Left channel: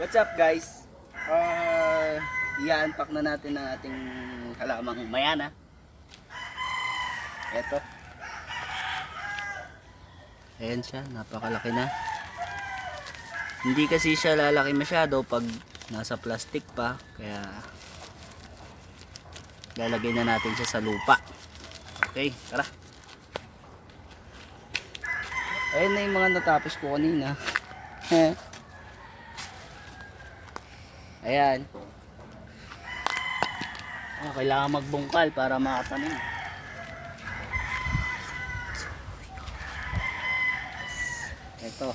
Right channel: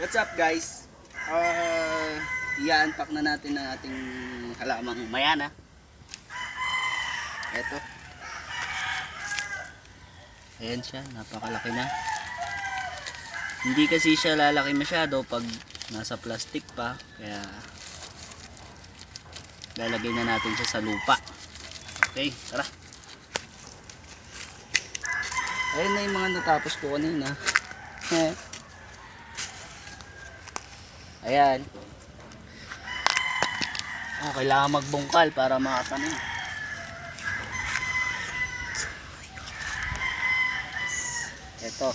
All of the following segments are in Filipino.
What's up guys? I-unpack na natin ang ating halamang mayana. Ito. Ayan siya, napakalaki na. Hindi kasi siya lalaki masyado pag nasa plastic pa, kaya lalagay na natin siya sa lupa. Okay, tara. Ayan na yung mga natapos ko kanina. Ayan. Oh, kailangan magbungkal para makatanim. Ito.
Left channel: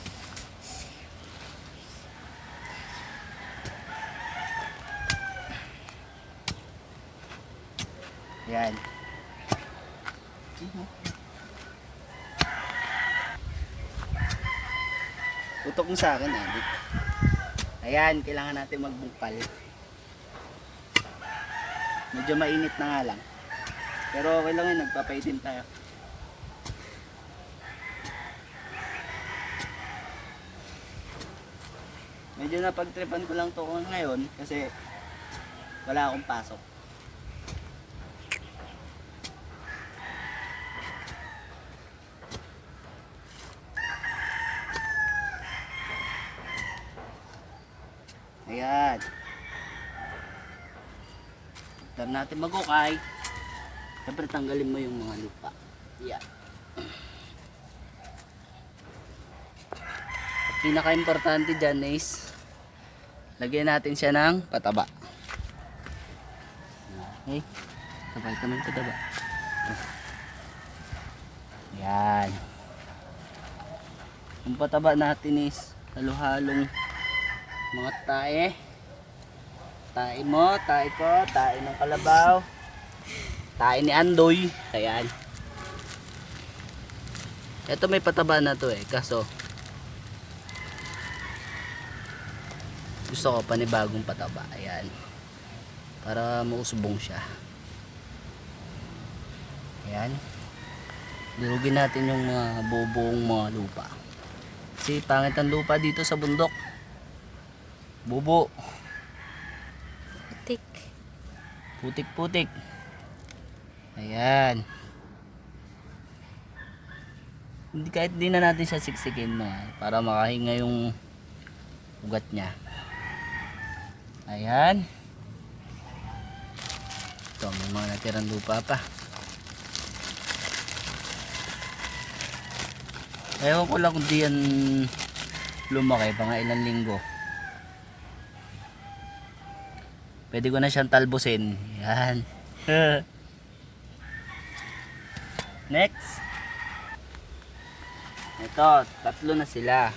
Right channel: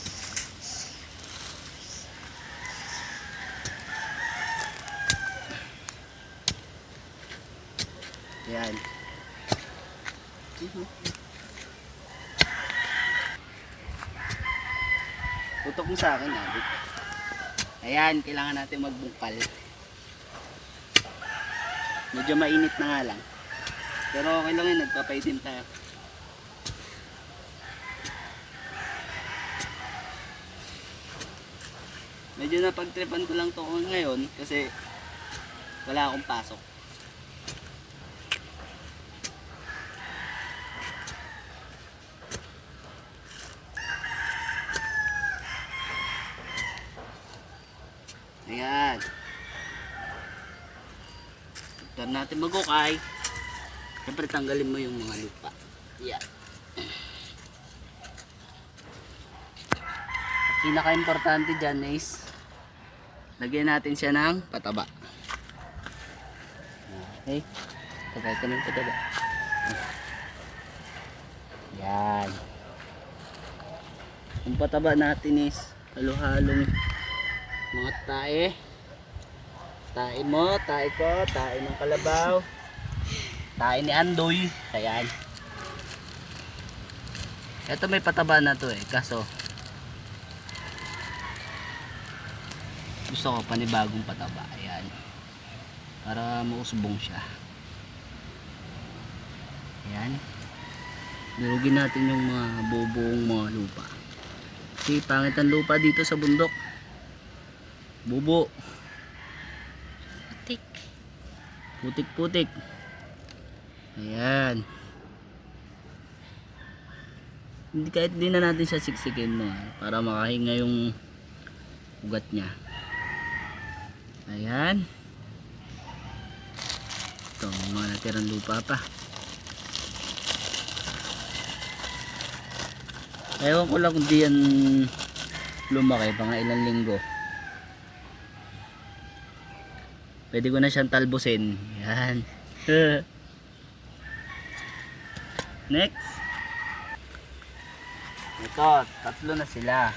Ayan. Putok mo sa akin eh. Ayan, kailangan natin magbungkal. Medyo mainit na nga lang. Pero okay lang yun, nagpapaitim tayo. Medyo napagtripan ko lang to ngayon kasi wala akong pasok. Ayan. After natin magukay, siyempre tanggalin mo yung mga lupa. Ayan. At pinaka-importante dyan is lagyan natin siya ng pataba. Okay. Ito ng pataba. Ayan. Ang pataba natin is halo-halong mga tae. Tae mo, tae ko, tae ng kalabaw, tae ni Andoy. Ayan. Ito may pataba na to eh, kaso gusto ko panibagong pataba. Ayan. Para mausbong siya. Ayan. Lugin natin yung mga bubong mga lupa. Kasi pangit ang lupa dito sa bundok. Bubo. Putik. Putik-putik. Ayan. Hindi, kahit di na natin siya siksikin mo para makahinga yung ugat niya. Ayan. Ito, mga natirang lupa pa. Ewan ko lang kung di yan lumaki, mga ilang linggo. Pwede ko na siyang talbusin. Yan. Next. Ito, tatlo na sila.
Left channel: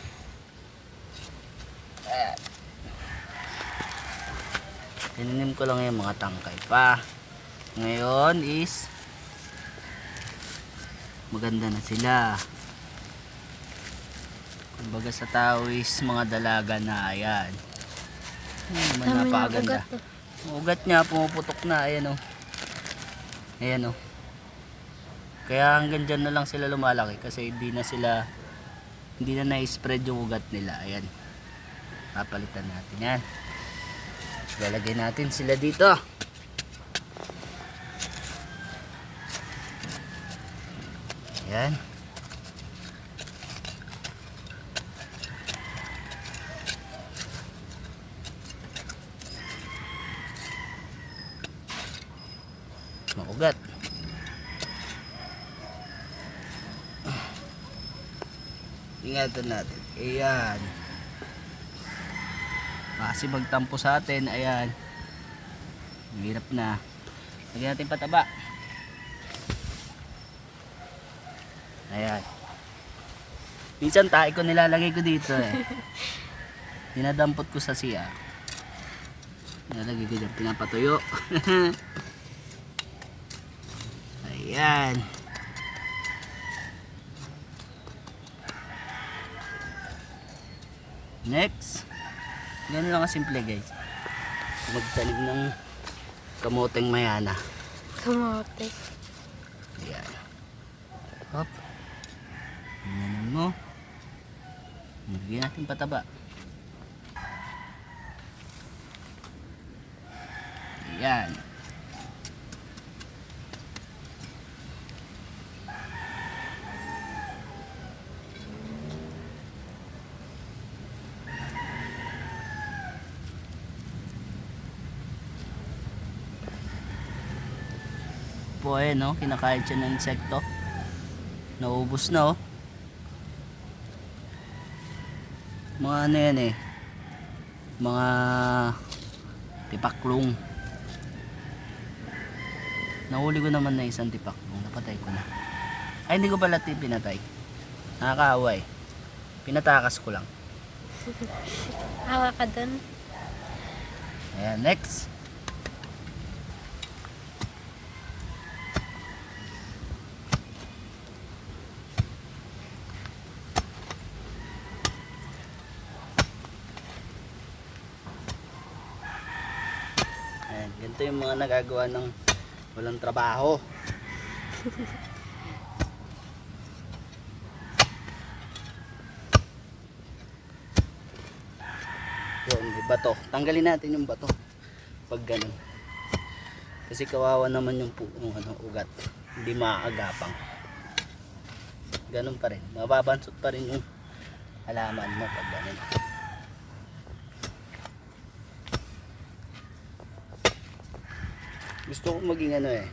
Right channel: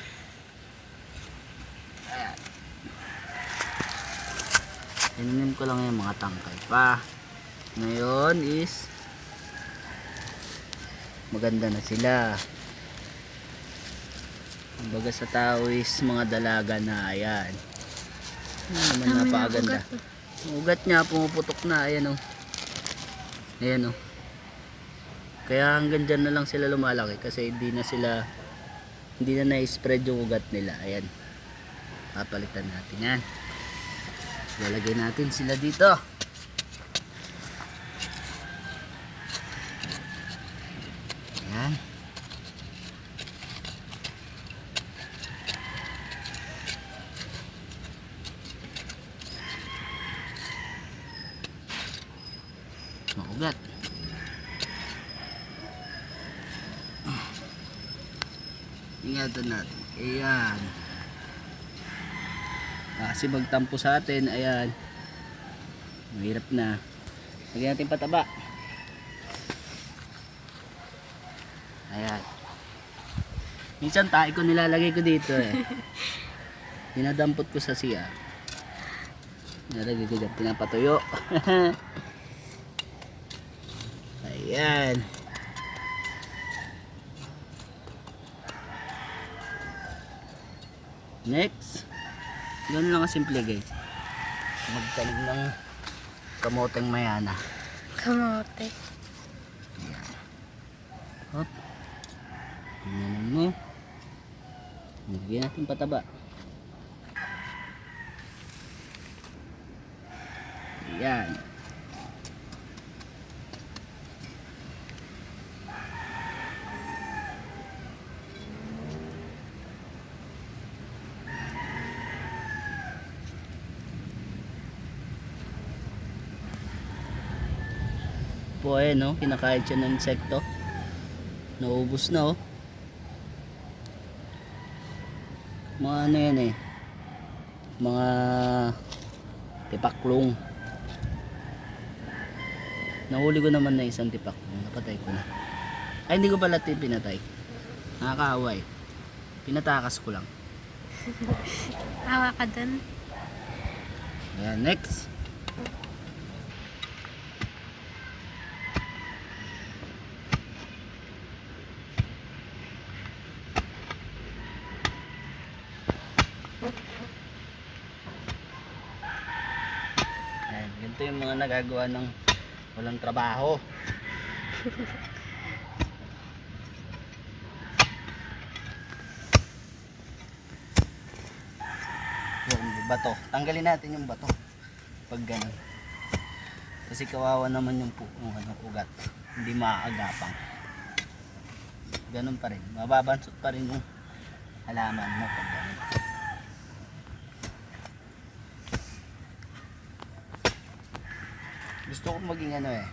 Ayan. Tinanim ko lang yung mga tangkay pa. Ngayon is maganda na sila. Kumbaga sa tao is mga dalaga na. Ayan. Tama niya ang ugat eh. Ugat niya pumuputok na. Ayan o. Ayan o. Kaya hanggang dyan na lang sila lumalaki kasi hindi na na-spread yung ugat nila. Ayan. Papalitan natin yan. Lalagay natin sila dito. Ayan. Ugat. Ingatan natin. Ayan. Kasi magtampo sa atin. Ayan. Mahirap na. Lagyan natin pataba. Ayan. Minsan tayo ko nilalagay ko dito eh. Dinadampot ko sa siya. Nilagay ko dyan. Pinapatuyo. Ayan. Next. Ganun lang kasimple guys. Magtanim ng kamoteng mayana. Kamote. Ayan. Hop. mo. Lagyan natin pataba. Ayan. Po no, kinakain siya ng insekto. Naubos na oh. Mga ano yan eh. Mga tipaklong. Nahuli ko naman na isang tipaklong. Napatay ko na. Ay, hindi ko pala pinatay. Nakakaawa eh. Pinatakas ko lang. Hawa ka dun. Ayan, next. Ayan, ganito yung mga nagagawa ng walang trabaho. Yun, di bato. Tanggalin natin yung bato. Pag ganun. Kasi kawawa naman yung ugat. Hindi maaagapang. Ganun pa rin. Mababansot pa rin yung halaman mo pag ganun. Gusto ko maging ano eh.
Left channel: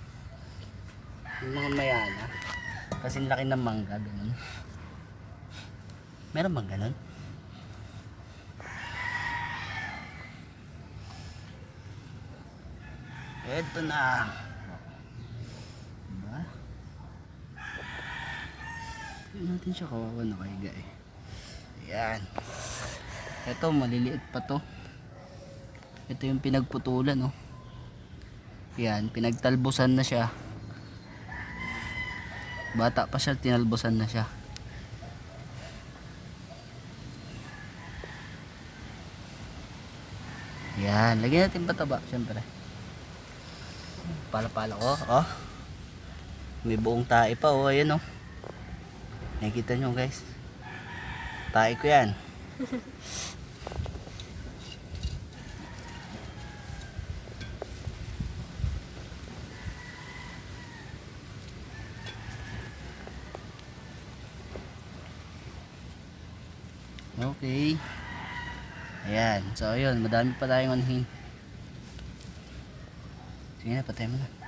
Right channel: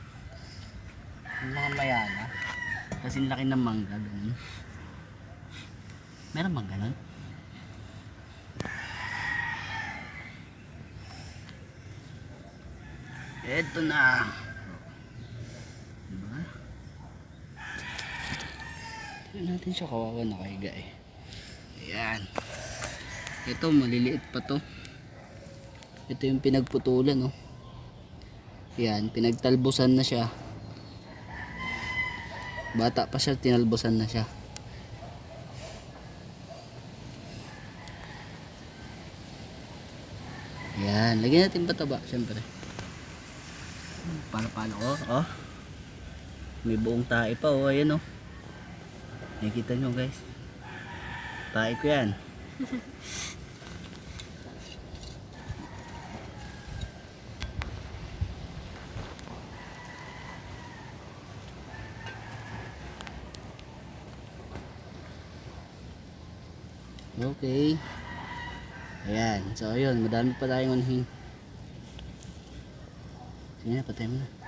Yung mga mayana. Kasi laki ng mangga. Ganun. Meron bang ganun? Eto na. Diba? Tignan natin siya, kawawa na kahiga eh. Ayan. Ito maliliit pa to. Ito yung pinagputulan oh. Ayan, pinagtalbusan na siya. Bata pa siya, tinalbusan na siya. Ayan, lagyan natin pataba siyempre. Pala-pala ko, oh. May buong tae pa, oh. Ayan, oh. Nakikita nyo, guys. Tae ko yan. Okay. Ayan. So, ayun. Madami pa tayong anhin. Sige na, patay mo na.